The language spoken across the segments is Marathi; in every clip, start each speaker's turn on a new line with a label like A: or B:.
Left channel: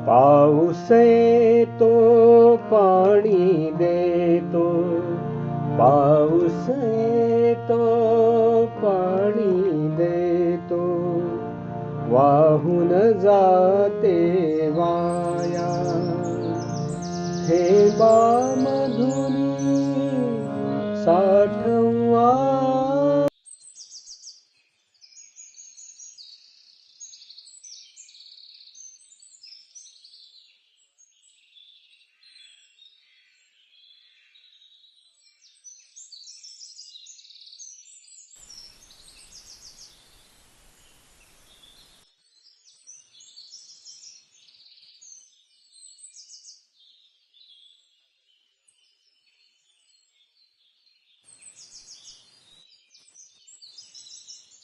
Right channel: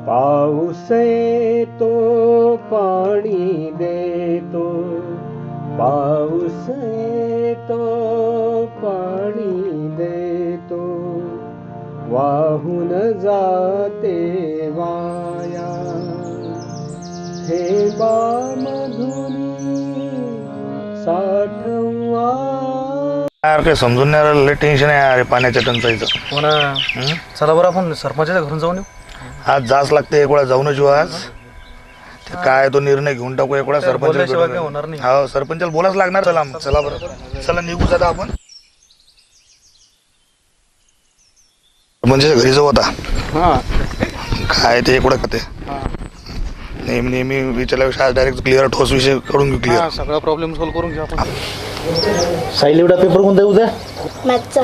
A: पाऊस येतो पाणी देतो, पाऊस येतो पाणी देतो, वाहून जाते वाया थेंबामधुनी साठवा.
B: यार काही समजून नाही राहिलं, लय टेन्शन आहे यार पाण्याच्या टंचाईचं.
C: हो ना. चला बरं आपण सरपंचाच्या घरून जाऊन येऊ.
B: आज जाच लागते, एक वेळा जाऊनच येऊ आज. ते काय तो निर्णय घेऊन टाकू एक वेळा
C: बोलल्याशिवाय काय होणार नाही.
B: हो सरपंचाला बोलाच लागणार. चला मग, चला बरं, चला निघू आता आपण. सरपंचाच्या घरी जाऊ आता. काय ते एक वेळा ते नेहमी नेहमी विचारल्यापेक्षा आज डायरेक्ट क्लिअर ठोस विषय करून घेऊ. क्लिअर
C: सगळा प्रॉब्लेम सॉल्व्ह करून घेऊ आपण.
D: साहिल एवढा पेपर कोणता आहे उद्या?
E: मॅथचा.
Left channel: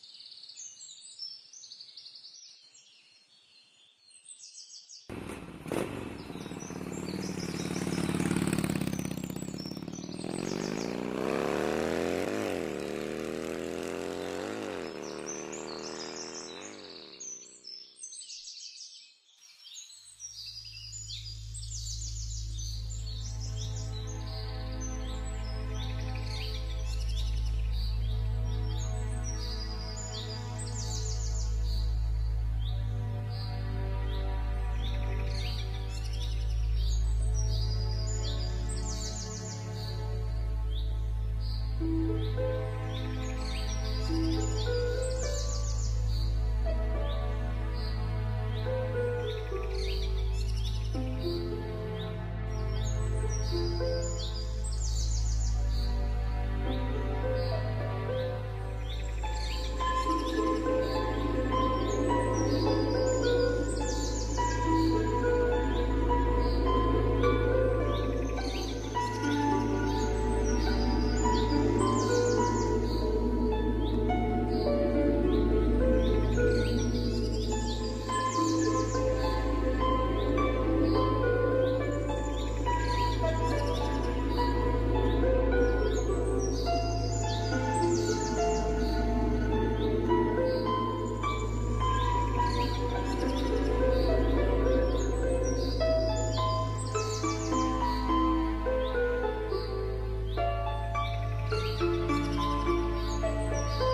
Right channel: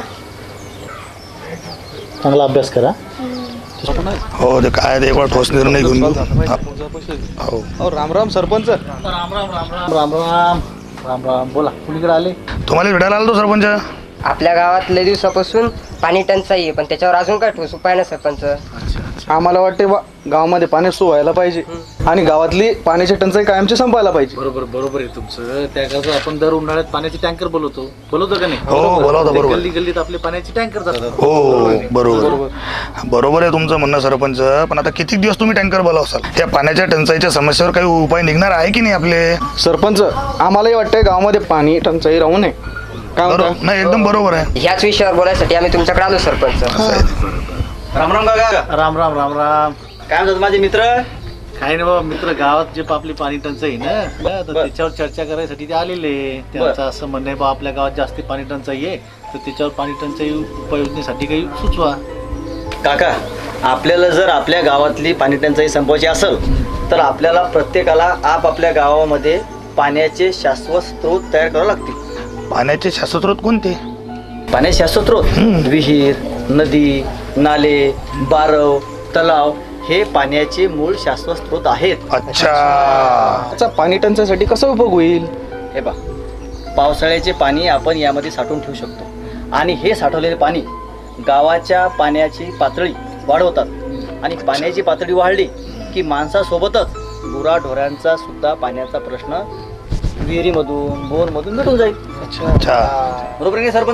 D: चांगला अभ्यास करा.
B: हो ते काय ते एक वेळा ठोस निर्णय घेऊन घेऊ.
C: हो राम राम सरपंच.
D: राम राम राम राम राम राम राम राम. बोला, कुणीकडे आले?
B: तुम्हाला भेटायला आलो तो सरपंच.
F: आपल्या गावात लय दिवसापासून पाणी टंचाई आहे, पण त्याच्यावर अजून काय ठोस उपाय ना सरपंच.
C: आम्हाला वाटते बा गावामध्ये पाणी सोय व्हायला पाहिजे आणि गावातली पाण्याची टंचाई कायमची संपायला पाहिजे.
D: बरोबर आहे तुमचं. त्याकरता आपण दर उन्हाळ्यात पाण्याचे टँकर बोलवतो का नाही?
B: हो बोलावता बरोबर.
D: गल्ली गल्लीत आपले पाण्याचे टँकर जातात.
B: हो बरोबर आहे तुमचं म्हणणं सरपंच. पण आता किती दिवस तुम्ही टँकर बोलावसाल? त्या पाण्याच्या टंचाईच्या समस्येवर काही उपाय निघणार आहे की नाही आपले?
C: सरपंच आम्हालाही वाटतंय गावामध्ये पाणी टंचाई राहू नये. काय म्हणता?
B: नाही एकदम बरोबर आहे.
F: ह्याच विषयावर बोलायसाठी आम्ही तुमच्याकडे आलो सरपंच.
D: राम राम काका. राम राम राम राम.
G: काय म्हणतात माझे मित्र?
D: काय नाही बाबा, मित्र गावात जे आपली पाणी टंचाई ना, तर त्याच्यावर चर्चा करायसाठी ते आलेले. त्यांचं असं म्हणणं आहे बा आपल्या गावात जास्ती पाणी टंचाई आहे, तर त्याच्यावर पाणी टंचाई उपाययोजनेसाठी काही सुचवा.
G: काका, आपल्याला जर आपल्या गावातली पाणी टंचाई संपवायची असेल तर आपल्याला प्रत्येकाला आपापल्या गावामध्ये पाण्याचे शाश्वत स्रोत तयार करावे लागतील.
B: पाण्याचे शास्त्रोत कोणते?
G: पाण्याचे शाश्वत स्रोत विहीर, नदी, नाले, बारव, तलाव हे पाण्याचे मूळ शाश्वत स्रोत आहेत.
B: अच्छा.
C: पाणी टंचाईसाठी कसा उपयोग होईल?
G: हे पहा, पावसाळ्याचे पाणी आपण यामध्ये साठवून ठेवू शकतो आणि हे साठवलेले पाणी गावाच्या पाण्याची पातळी वाढवतात आणि पाण्याची पातळी वाढली की माणसासोबतच गुराढोरांचा सुद्धा पाण्याचा प्रश्न विहिरीमधून बोरमधून मिटून जाईल.
B: अच्छा.
G: बरोबर आहे सरपंच?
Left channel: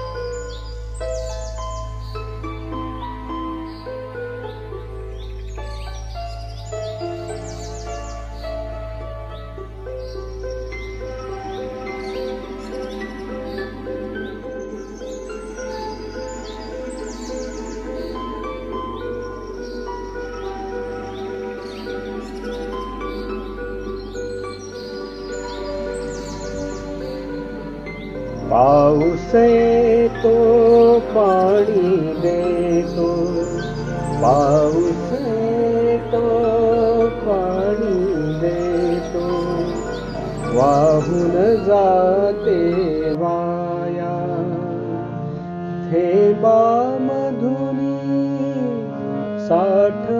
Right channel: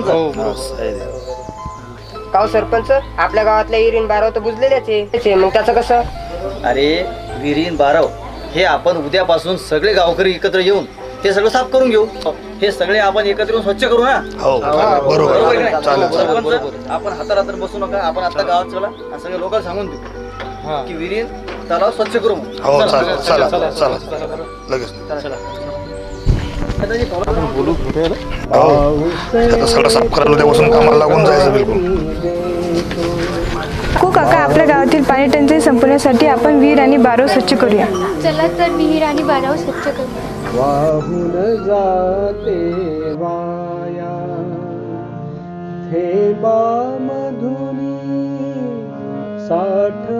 F: काव सरपंच, आपल्या गावातल्या इरीन बाराव तर बुजलेल्याच आहे, मग त्याचं कसं?
G: अरे विहीर बारव हे आपण उद्यापासून सगळे गावकरी एकत्र येऊन ते सगळं साफ करून घेऊ. हे सगळे आपण एकत्र येऊन स्वच्छ करू ना.
B: हो
G: बरोबर आहे
B: बरोबर.
G: का
B: चालेल
G: नाही? सरपंच, आपण हातारातर बसू नका. आपण आता गावात चला आणि सगळे लोकांना सांगून देऊ की विहीर तलाव स्वच्छ करू.
B: हो चालेल. चला चला लगेच.
A: पाऊस
B: सगळं साफ करायला उद्यापासून कामाला लागून जायचं.
A: पाणी देतो,
H: हो काका, आपल्या गावातील पाणी टंचाई संपवण्यासाठी आपण विहीर आणि बारव स्वच्छ करूया.
E: चला तर विहीर आणि बाराव स्वच्छ करू.
A: वाहून जाते वाया थेंबामधुनी साठ